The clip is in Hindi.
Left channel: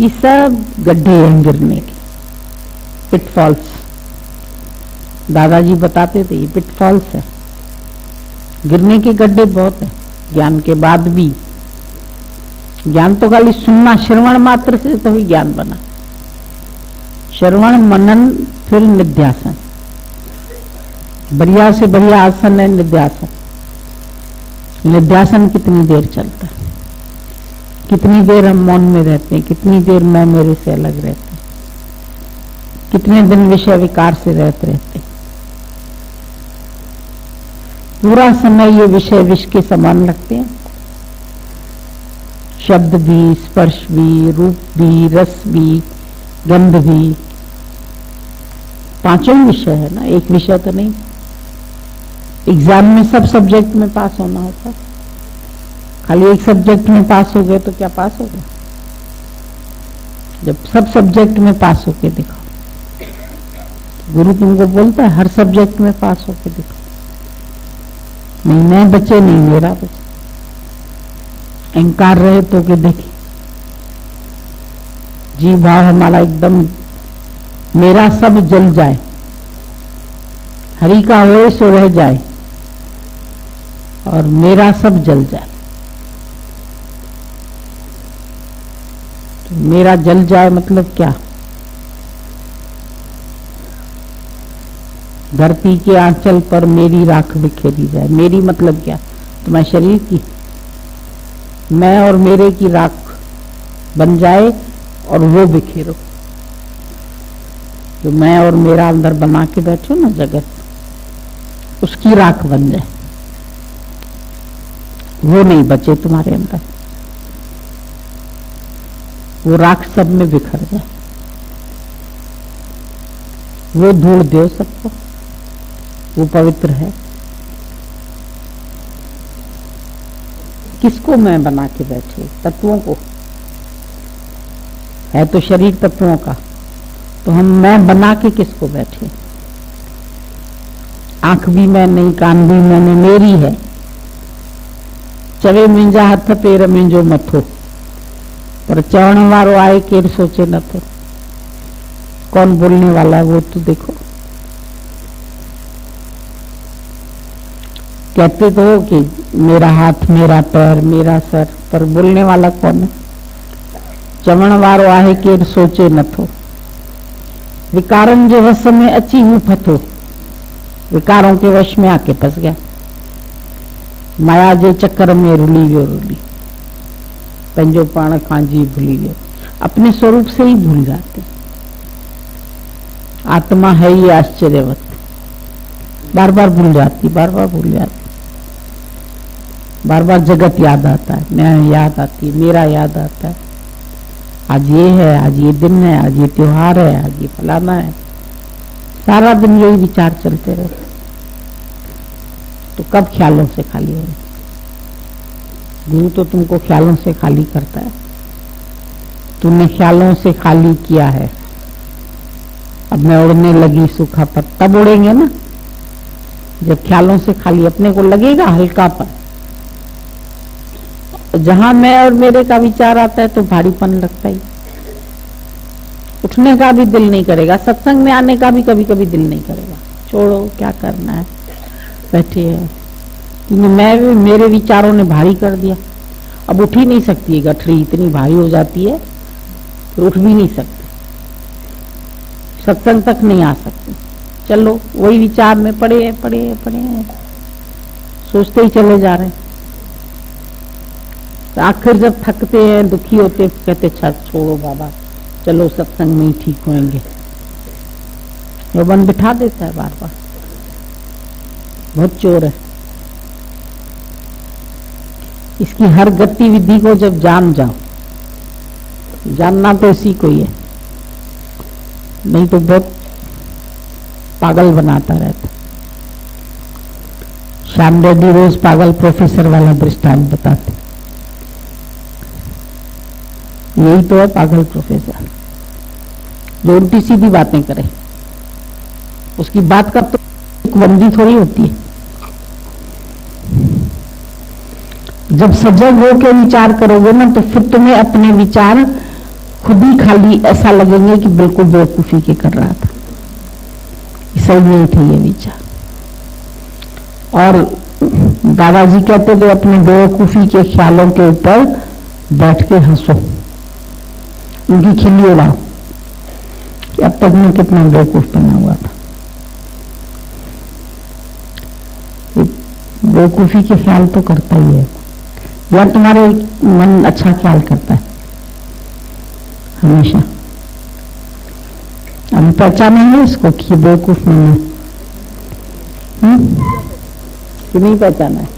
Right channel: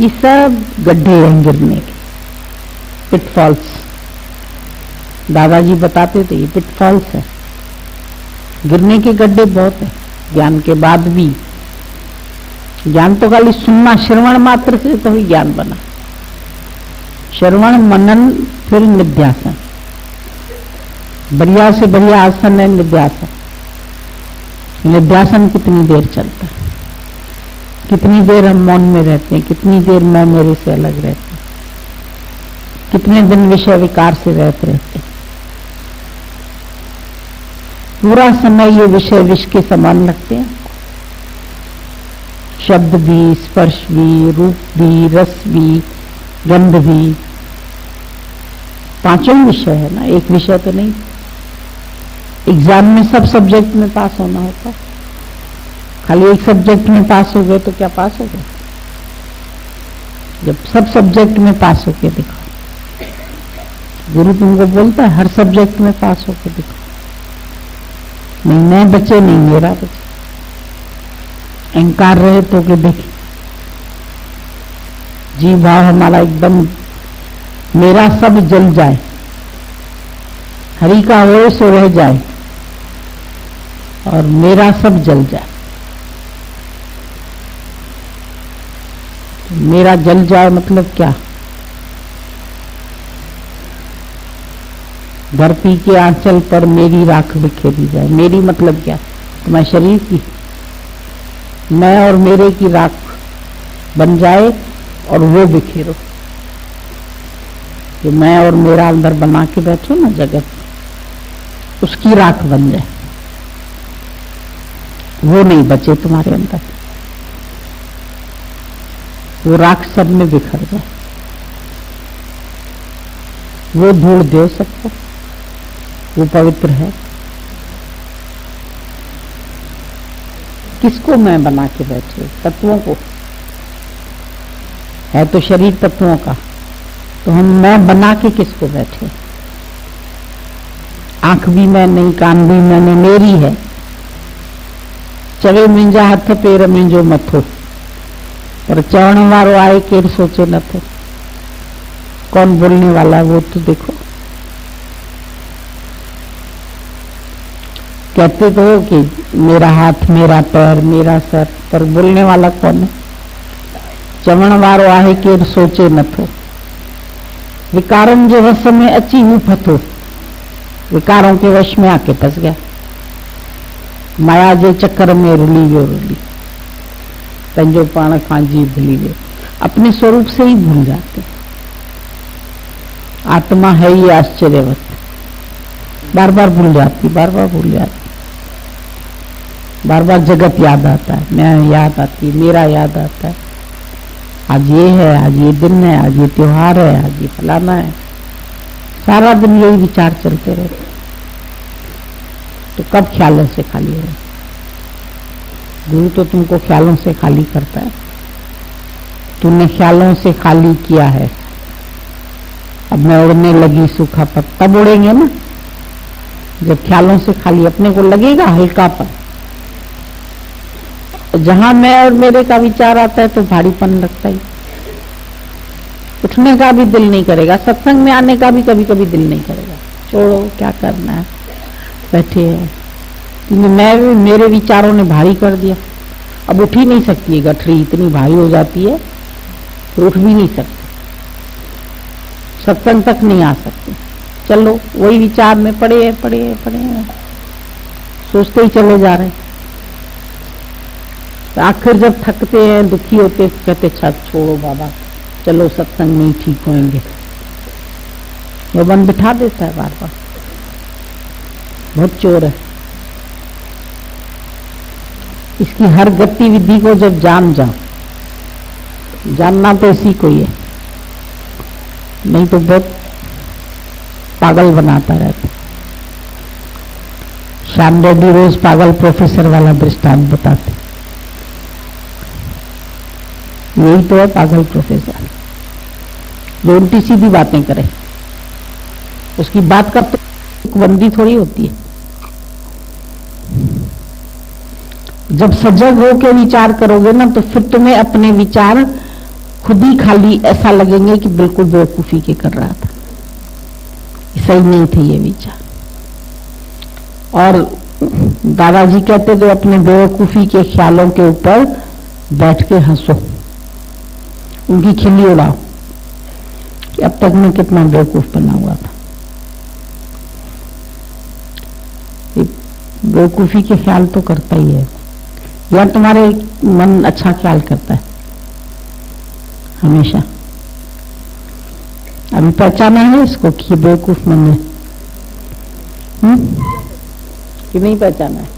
ये सब गड्ढे हैं गिरने के, पिटफॉल्स। दादाजी बताते थे ये पिटफॉल्स है, गिरने के गड्ढे बहुत है। ज्ञान के बाद भी, ज्ञान तो खाली सुनना, श्रवण मात्र से तो ही ज्ञान बना। श्रवण, मनन, फिर निध्यासन। बढ़िया से बढ़िया आसन है निध्यासन। निध्यासन कितनी देर चलता है, कितनी देर हम मौन में रहते हैं, कितनी देर मैं मेरे से अलग रहते हैं, कितने दिन विषय विकार से रहते हैं। पूरा समय ये विषय विष के समान लगते हैं। शब्द भी, स्पर्श भी, रूप भी, रस भी, गंध भी, पांचों विषय है ना, एक विषय तो नहीं। एग्जाम में सब सब्जेक्ट में पास होना होता है, खाली एक सब्जेक्ट में पास हो गए तो क्या पास हो गए? जब सब सब्जेक्ट में पास होके दिखो। गुरु तुमको बोलता है हर सब्जेक्ट में पास होके दिखो। नहीं मैं बचे, नहीं मेरा बचे। अहंकार रहे तो के देखे, जी भाव हमारा एकदम मेरा सब जल जाए, हरि का हो सो रह जाए, और मेरा सब जल जाए। तो मेरा जल जाए मतलब क्या? धरती के आंचल पर मेरी राख बिखेरी जाए। मेरी मतलब क्या? तुम्हारे शरीर की, मैं और मेरे की राख बन जाए और वो बिखेरो। तो मैं और मेरा अंदर बना के बैठो ना जगत, उसकी राख बन जाए, वो नहीं बचे तुम्हारे अंदर, वो राख सब में बिखर जाए, वो धूल दो सबको, वो पवित्र है। किसको मैं बना के बैठे? तत्वों को। है तो शरीर तत्वों का, तो हम मैं बना के किसको बैठे? आंख भी मैं नहीं, कान भी मैंने, मेरी है। चवे मिंजा हथ पेर मिंजो मथो, पर चरण वारो आए केर सोचे न थे। कौन बोलने वाला वो तो देखो। कहते तो हो कि मेरा हाथ, मेरा पैर, मेरा सर, पर बोलने वाला कौन है? चवण वारो आहे केर सोचे न थो। विकारन जो वश में अची हूं फथो, विकारों के वश में आके फंस गया, माया जे चक्कर में रुली वियो रुली, पंजो पाण पांजी भूली वियो। अपने स्वरूप से ही भूल जाते। आत्मा है ही आश्चर्यवत, बार बार भूल जाती, बार बार भूल जाती। बार बार जगत याद आता है, मैं याद आती है, मेरा याद आता है। आज ये है, आज ये दिन है, आज ये त्योहार है, आज ये फलाना है। सारा दिन यही विचार चलते रहते। तो कब ख्यालों से खाली हो? गुरु तो तुमको ख्यालों से खाली करता है। तुमने ख्यालों से खाली किया है। अब मैं उड़ने लगी सूखा पत्ता, तब उड़ेंगे ना जब ख्यालों से खाली अपने को लगेगा हल्कापन। जहां मैं और मेरे का विचार आता है तो भारीपन लगता ही, उठने का भी दिल नहीं करेगा, सत्संग में आने का भी कभी कभी दिल नहीं करेगा। छोड़ो, क्या करना है, बैठे हो। मैं मेरे विचारों ने भारी कर दिया, अब उठ ही नहीं सकती है। गठरी इतनी भारी हो जाती है तो उठ भी नहीं सकते, सत्संग तक नहीं आ सकते। चलो वही विचार में पड़े हैं, सोचते ही चले जा रहे हैं। तो आखिर जब थकते हैं, दुखी होते, कहते छोड़ो बाबा, चलो सत्संग में ही ठीक होंगे। वो मन बिठा देता है बार बार। बहुत चोर है। इसकी हर गतिविधि को जब जान जाओ, जानना तो इसी को ही है, नहीं तो बहुत पागल बनाता रहता। श्याम रेड्डी रोज पागल प्रोफेसर वाला दृष्टांत बताते। यही तो है पागल प्रोफेसर, जो उल्टी सीधी बातें करे। उसकी बात का तो बंदी थोड़ी होती है। जब सजग होकर विचार करोगे ना, तो फिर तुम्हें अपने विचार खुद ही खाली ऐसा लगेंगे कि बिल्कुल बेवकूफी के कर रहा था, सही नहीं थे ये विचार। और दादाजी कहते थे अपने बेवकूफी के ख्यालों के ऊपर बैठ के हंसो, उनकी खिल्ली उड़ाओ कि अब तक मैं कितना बेवकूफ बना हुआ था। बेवकूफी के ख्याल तो करता ही है, या तुम्हारे मन अच्छा ख्याल करता है हमेशा। अभी पहचाना है इसको कि बेवकूफ नहीं है, कि नहीं पहचाना है?